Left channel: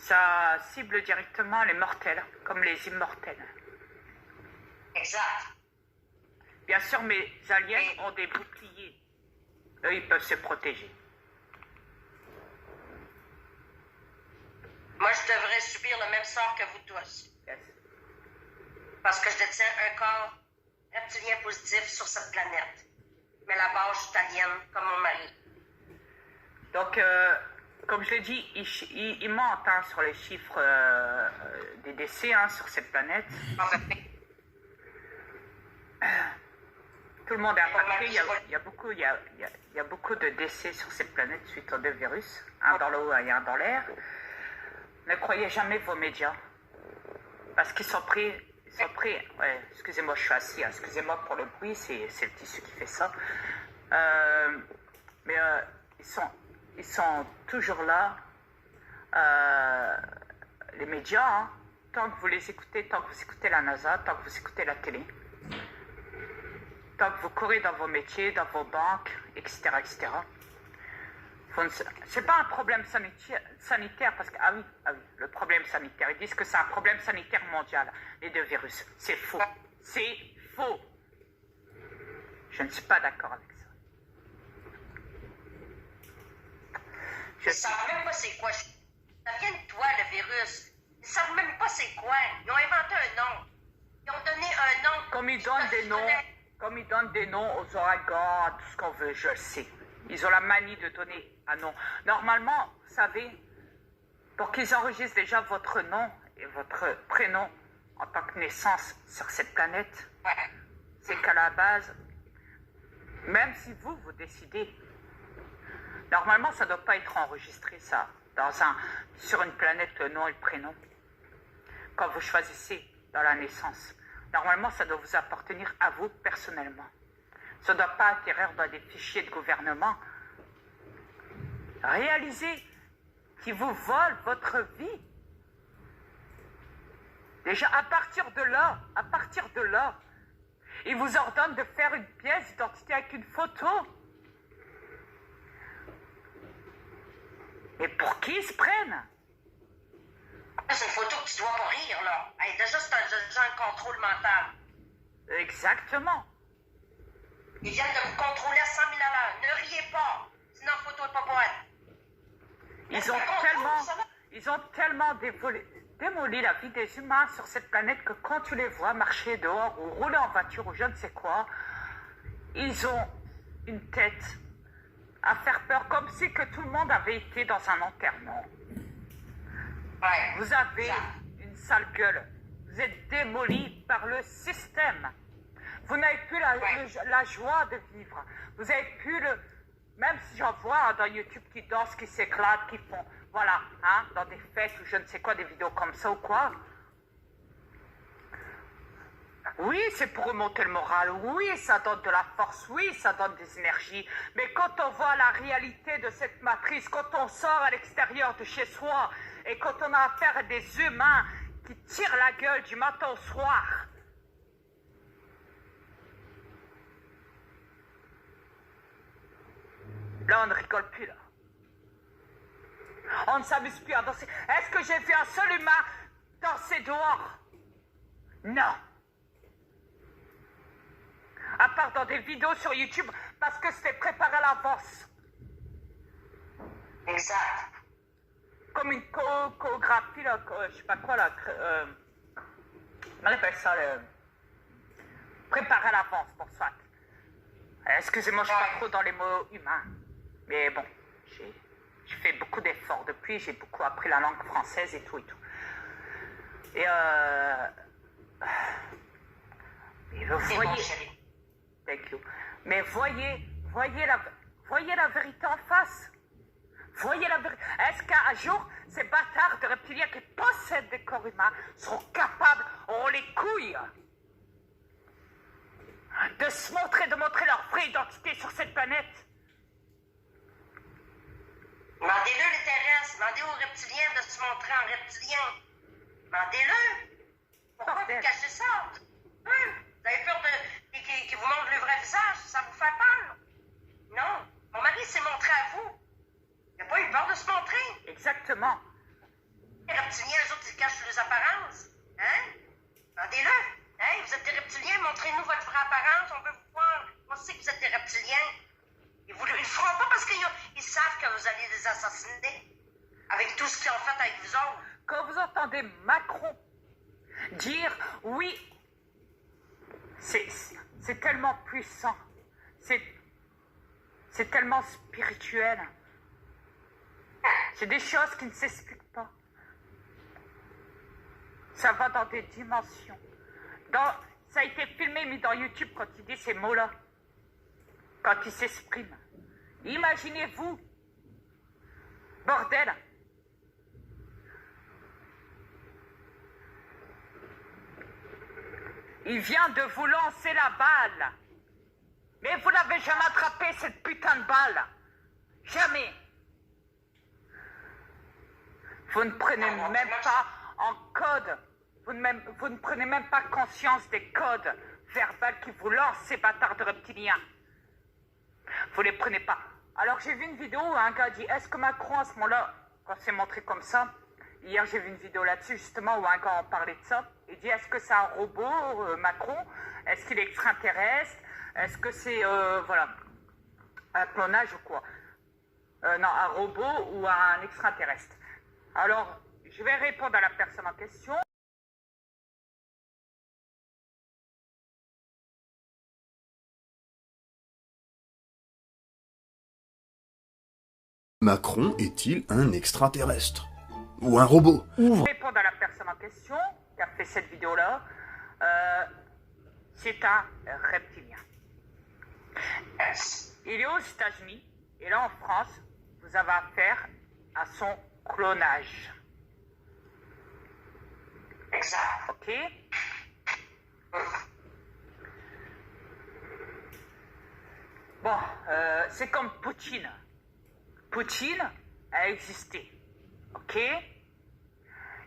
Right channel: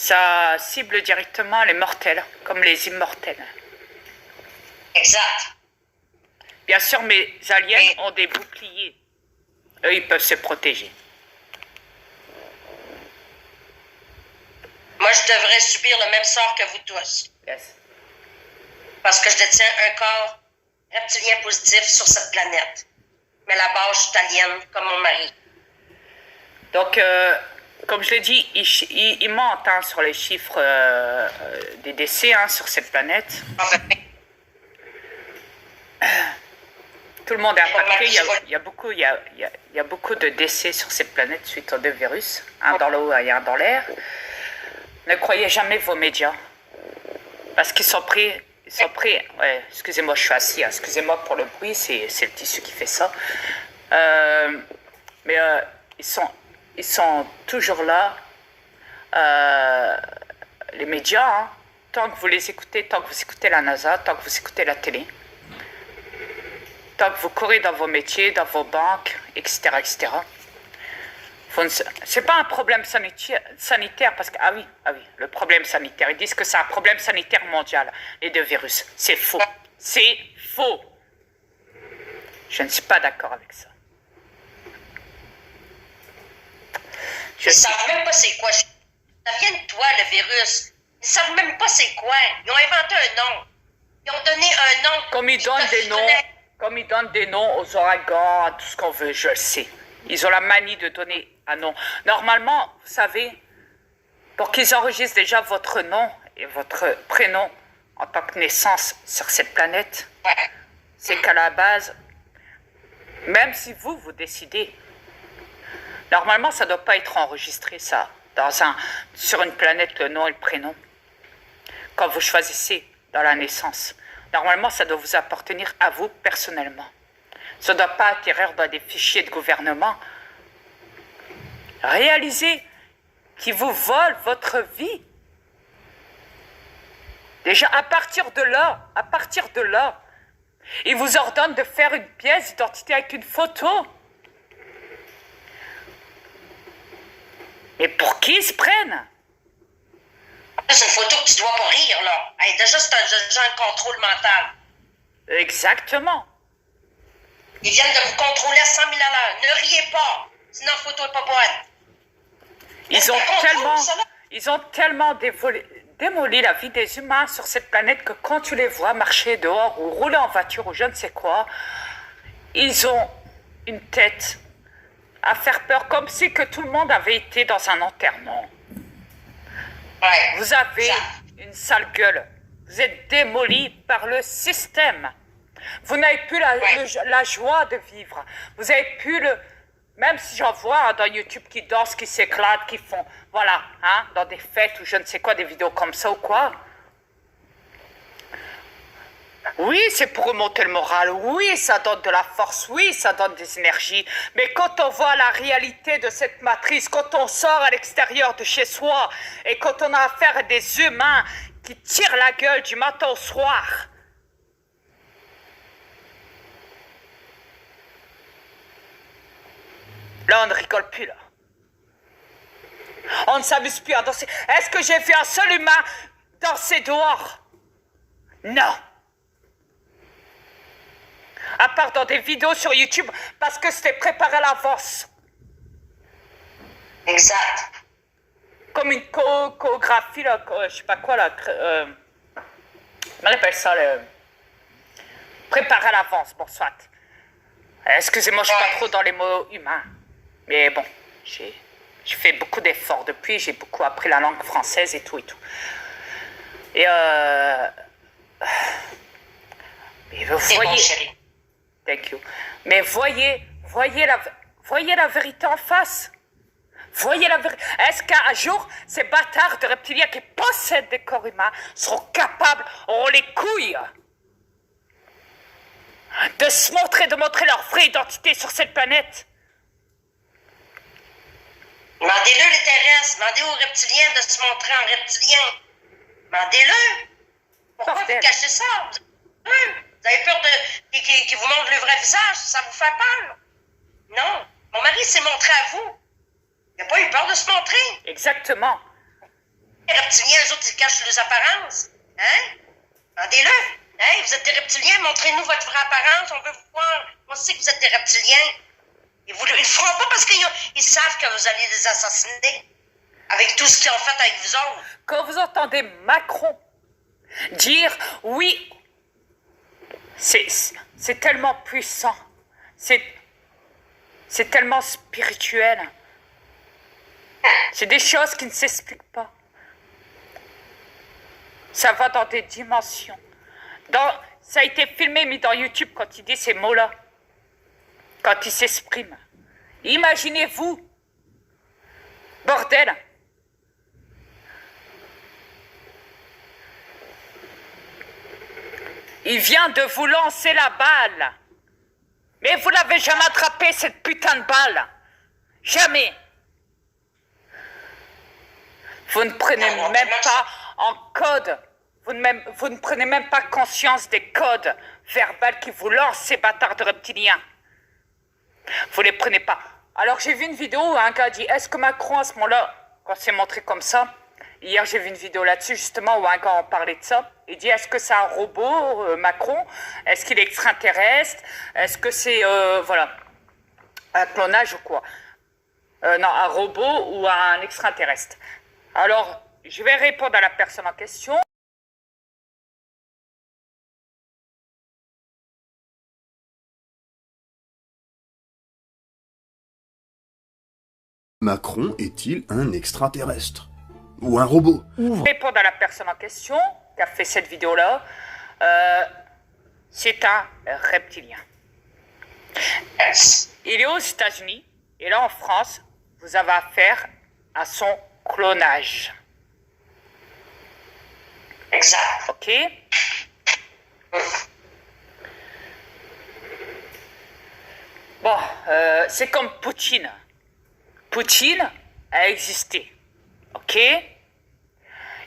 Ça cible directement les mortels, comme les immortels. Exact. Bien sûr, mes aliens ont des boucliers. Eux, ils peuvent se protéger. Moi, je devrais subir le même sort que vous tous. Yes. Parce que je détiens un corps reptilien positif sur cette planète. Mais la base, je suis italienne, comme mon mari. Donc, comme je l'ai dit, il ment hein, sur les chiffres des décès hein, sur cette planète. Tout le monde est impacté. Il y a beaucoup de décès sur cette planète suite aux deux virus. Un dans l'eau et un dans l'air. Ne croyez jamais vos médias. Parce qu'ils sont pris. Ouais, excusez-moi, je suis assis. Hein, excusez-moi pour le bruit, c'est le tissu qui fait ça. Mais ils sont toujours là. Les médias, hein, tant que vous les écoutez, tant que vous écoutez la NASA, tant que vous écoutez la télé, tant que vous courez dans vos métiers, dans vos banques, etc., etc. C'est pas un problème sanitaire parce que, ah oui, le problème sanitaire, ils disent que c'est un problème sanitaire mondial, les deux virus. C'est faux. C'est faux. Je ne suis pas d'accord avec ça. Ils ne savent même pas c'est quoi. Ça vient de toi, le virus. Ils ne savent même pas c'est quoi. Ils ont inventé un nom. Ils ont donné un nom. Comme ils donnent des noms aux ouragans, à tout ce qu'on veut, je le sais. Ils ont la manie de donner un nom. Normalement, vous savez, pour qu'ils enregistrent déjà votre nom et votre prénom en tant que naissance sur cette planète, c'est qu'à la base, même si vous décidez, normalement, ça ne doit pas être enregistré, ça, sur une planète, le nom et le prénom. Quand vous choisissez dans la naissance, normalement, ça doit vous appartenir à vous personnellement. Ça ne doit pas atterrir dans des fichiers de gouvernement. Réalisez qu'ils vous volent votre vie. Déjà, à partir de là, ils vous ordonnent de faire une pièce d'identité avec une photo. Et pour qui ils se prennent? C'est une photo que tu dois pas rire, là. Hey, déjà, c'est un contrôle mental. Exactement. Ils viennent de vous contrôler à 100 000 à l'heure. Ne riez pas, sinon la photo n'est pas bonne. Ils ont tellement démoli la vie des humains sur cette planète que quand tu les vois marcher dehors ou rouler en voiture ou je ne sais quoi, ils ont une tête à faire peur, comme si que tout le monde avait été dans un enterrement. Ouais, vous avez une sale gueule. Vous êtes démolis par le système. Vous n'avez plus la joie de vivre. Vous n'avez plus le... Même si j'en vois hein, dans YouTube qui dansent, qui s'éclatent, qui font... Voilà, hein, dans des fêtes ou je ne sais quoi, des vidéos comme ça ou quoi. Oui, c'est pour remonter le moral. Oui, ça donne de la force. Oui, ça donne des énergies. Mais quand on voit la réalité de cette matrice, quand on sort à l'extérieur de chez soi et quand on a affaire à des humains qui tirent la gueule du matin au soir... Là, on ne rigole plus, là. On ne s'amuse plus à danser. Est-ce que j'ai vu un seul humain danser dehors? Non. À part dans des vidéos sur YouTube, parce que c'était préparé à l'avance. Exact. Comme une chorégraphie, là, je sais pas quoi, là. On appelle ça, préparé à l'avance, bon, soit. Excusez-moi, je suis pas trop dans les mots humains. Mais bon, j'ai fait beaucoup d'efforts depuis, j'ai beaucoup appris la langue française et tout et tout. Et vous voyez... Bon, chérie. Thank you. Mais voyez la vérité en face. Voyez la vérité. Est-ce qu'un jour, ces bâtards de reptiliens qui possèdent des corps humains seront capables, auront les couilles de se montrer, de montrer leur vraie identité sur cette planète? Demandez-le les terrestres, demandez aux reptiliens de se montrer en reptilien. Demandez-le. Pourquoi vous cachez ça? Vous avez peur qu'ils vous montrent le vrai visage? Ça vous fait peur? Non. Mon mari s'est montré à vous. Il n'a pas eu peur de se montrer. Exactement. reptiliens, eux autres, ils cachent les apparences. Hein? Demandez-le. Hey, vous êtes des reptiliens, montrez-nous votre vraie apparence, on veut vous voir. On sait que vous êtes des reptiliens. Et ils ne le feront pas parce qu'ils savent que vous allez les assassiner. Avec tout ce qu'ils ont fait avec vous autres. Quand vous entendez Macron dire oui, c'est tellement puissant, c'est tellement spirituel. C'est des choses qui ne s'expliquent pas. Ça va dans des dimensions. Ça a été filmé, mis dans YouTube quand il dit ces mots-là. Quand il s'exprime. Imaginez-vous. Bordel. Il vient de vous lancer la balle. Mais vous l'avez jamais attrapé, cette putain de balle. Jamais. Vous ne prenez même pas en code. Vous ne prenez même pas conscience des codes verbaux qui vous lancent, ces bâtards de reptiliens. Vous les prenez pas. Alors j'ai vu une vidéo où un gars dit, est-ce que Macron à ce moment-là, quand c'est montré comme ça, hier j'ai vu une vidéo là-dessus justement où un gars en parlait de ça, il dit, est-ce que c'est un robot, Macron? Est-ce qu'il est extraterrestre? Est-ce que c'est, voilà, un clonage ou quoi? Non, un robot ou un extraterrestre. Alors, je vais répondre à la personne en question. Macron est-il un extraterrestre? Ou un robot? Répondre à la personne en question qui a fait cette vidéo-là. C'est un reptilien. Il est aux États-Unis et là en France, vous avez affaire à son clonage. Exact. Ok? Bon, c'est comme Poutine. Poutine a existé. Ok?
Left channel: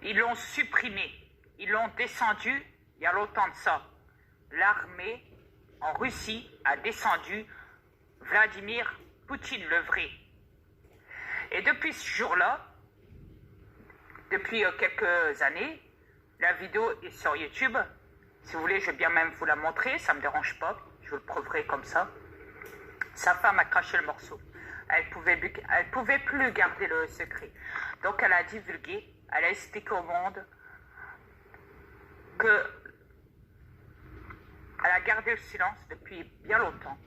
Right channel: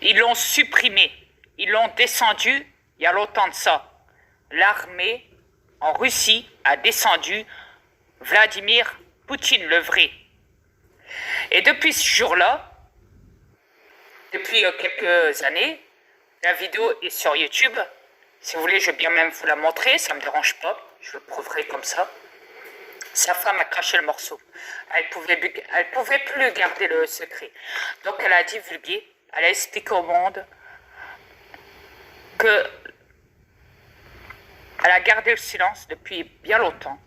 Ils l'ont supprimé. Ils l'ont descendu il y a longtemps de ça. L'armée en Russie a descendu Vladimir Poutine, le vrai. Et depuis ce jour-là, depuis quelques années, la vidéo est sur YouTube. Si vous voulez, je vais bien même vous la montrer, ça ne me dérange pas. Je vous le prouverai comme ça. Sa femme a craché le morceau. Elle pouvait plus garder le secret. Donc elle a divulgué, elle a expliqué au monde que elle a gardé le silence depuis bien longtemps.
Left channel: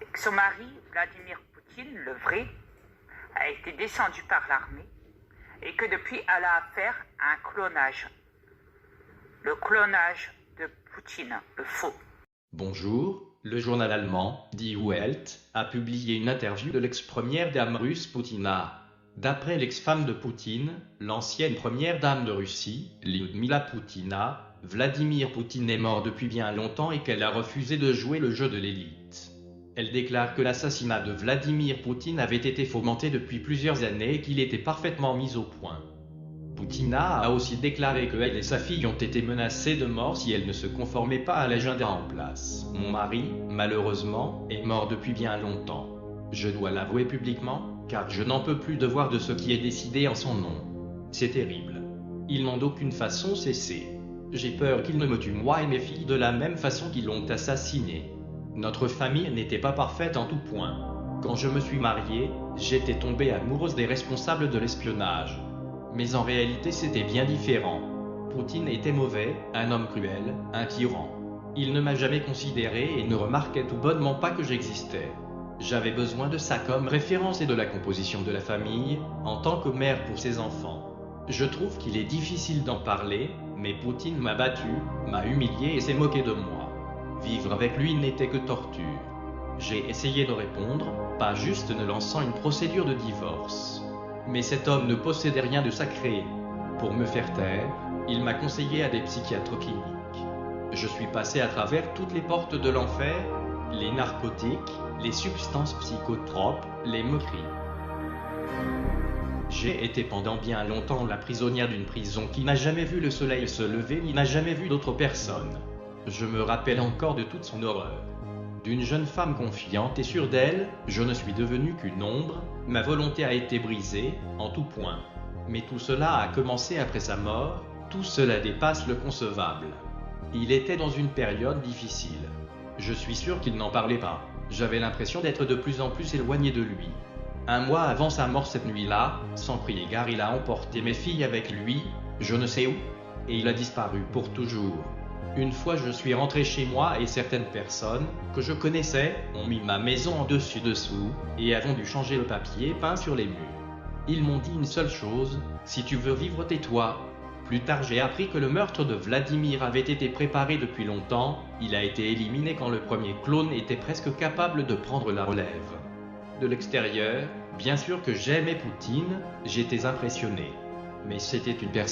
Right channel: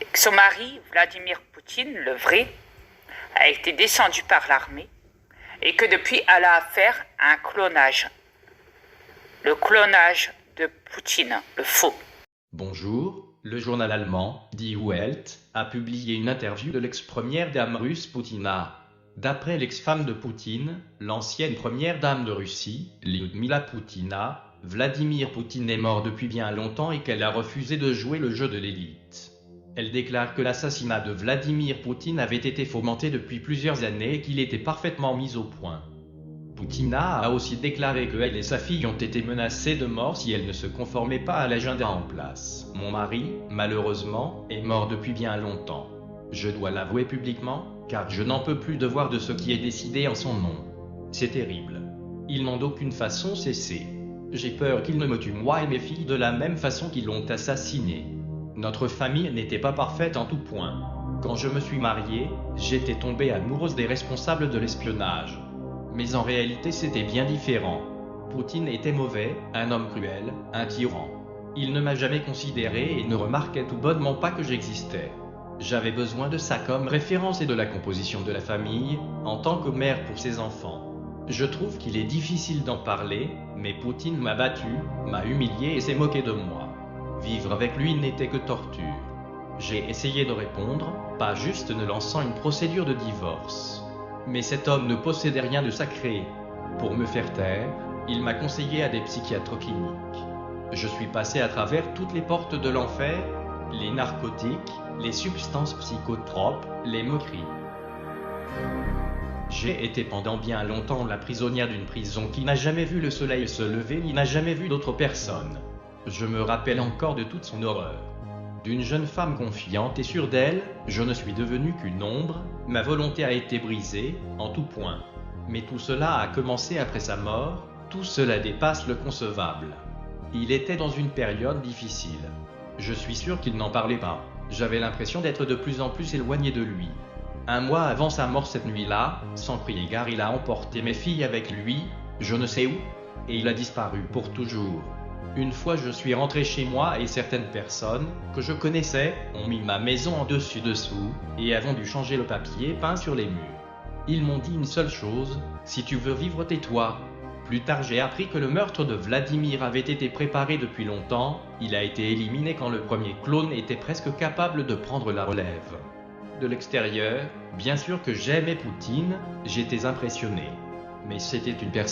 Et que son mari, Vladimir Poutine, le vrai, a été descendu par l'armée et que depuis elle a affaire à un clonage. Le clonage de Poutine, le faux. Bonjour. Le journal allemand, Die Welt, a publié une interview de l'ex-première dame russe Poutina. D'après l'ex-femme de Poutine, l'ancienne première dame de Russie, Lyudmila Poutina, Vladimir Poutine est mort depuis bien longtemps et qu'elle a refusé de jouer le jeu de l'élite. Elle déclare que l'assassinat de Vladimir Poutine avait été fomenté depuis plusieurs années et qu'il était parfaitement mis au point. Poutina a aussi déclaré qu'elle et sa fille ont été menacées de mort si elles ne se conformaient pas à l'agenda en place. Mon mari, malheureusement, est mort depuis bien longtemps. Je dois l'avouer publiquement, car je n'en peux plus de voir de ce qui est décidé en son nom. C'est terrible. Ils n'ont d'aucune façon cessé. J'ai peur qu'ils ne me tuent moi et mes filles de la même façon qu'ils l'ont assassiné. Notre famille n'était pas parfaite en tout point. Quand je me suis mariée, j'étais tombée amoureuse des responsables de l'espionnage. Mais en réalité c'était bien différent. Poutine était mauvais, un homme cruel, un tyran. Il ne m'a jamais considéré et ne remarquait tout bonnement pas que j'existais. J'avais besoin de ça comme référence et de la composition de la famille, en tant que mère pour ses enfants. Je trouve qu'il est difficile d'en parler, mais Poutine m'a battu, m'a humilié et s'est moqué de moi. Vivre avec lui n'était que torture. J'ai essayé de répondre, pas juste ne lançant une procédure de divorce. Mais cet homme ne possédait rien de sacré. Pour me faire taire, il m'a conseillé à des psychiatres cliniques. Je suis passé à travers toutes les portes de l'enfer, les narcotiques, les substances psychotropes, les moqueries. J'ai été pendant bien longtemps la prisonnière d'une prison qui n'a jamais vu le soleil se lever ni n'a jamais vu d'autres personnes. Je me rappelle encore de toute son horreur. D'une jeune femme confiante et sûre d'elle, je ne suis devenu qu'une ombre, ma volonté a été brisée, en tout point. Mais tout cela a commencé après sa mort, tout cela dépasse le concevable. Il était dans une période difficile. Je suis sûr qu'il n'en parlait pas. J'avais l'impression d'être de plus en plus éloigné de lui. Un mois avant sa mort cette nuit-là, sans crier gare, il a emporté mes filles avec lui, je ne sais où, et il a disparu pour toujours. Une fois je suis rentré chez moi et certaines personnes, que je connaissais, ont mis ma maison en dessus-dessous, et avons dû changer le papier peint sur les murs. Ils m'ont dit une seule chose, si tu veux vivre tais-toi. Plus tard j'ai appris que le meurtre de Vladimir avait été préparé depuis longtemps, il a été éliminé quand le premier clone était presque capable de prendre la relève. De l'extérieur, bien sûr que j'aimais Poutine, j'étais impressionné. Mais c'était une personne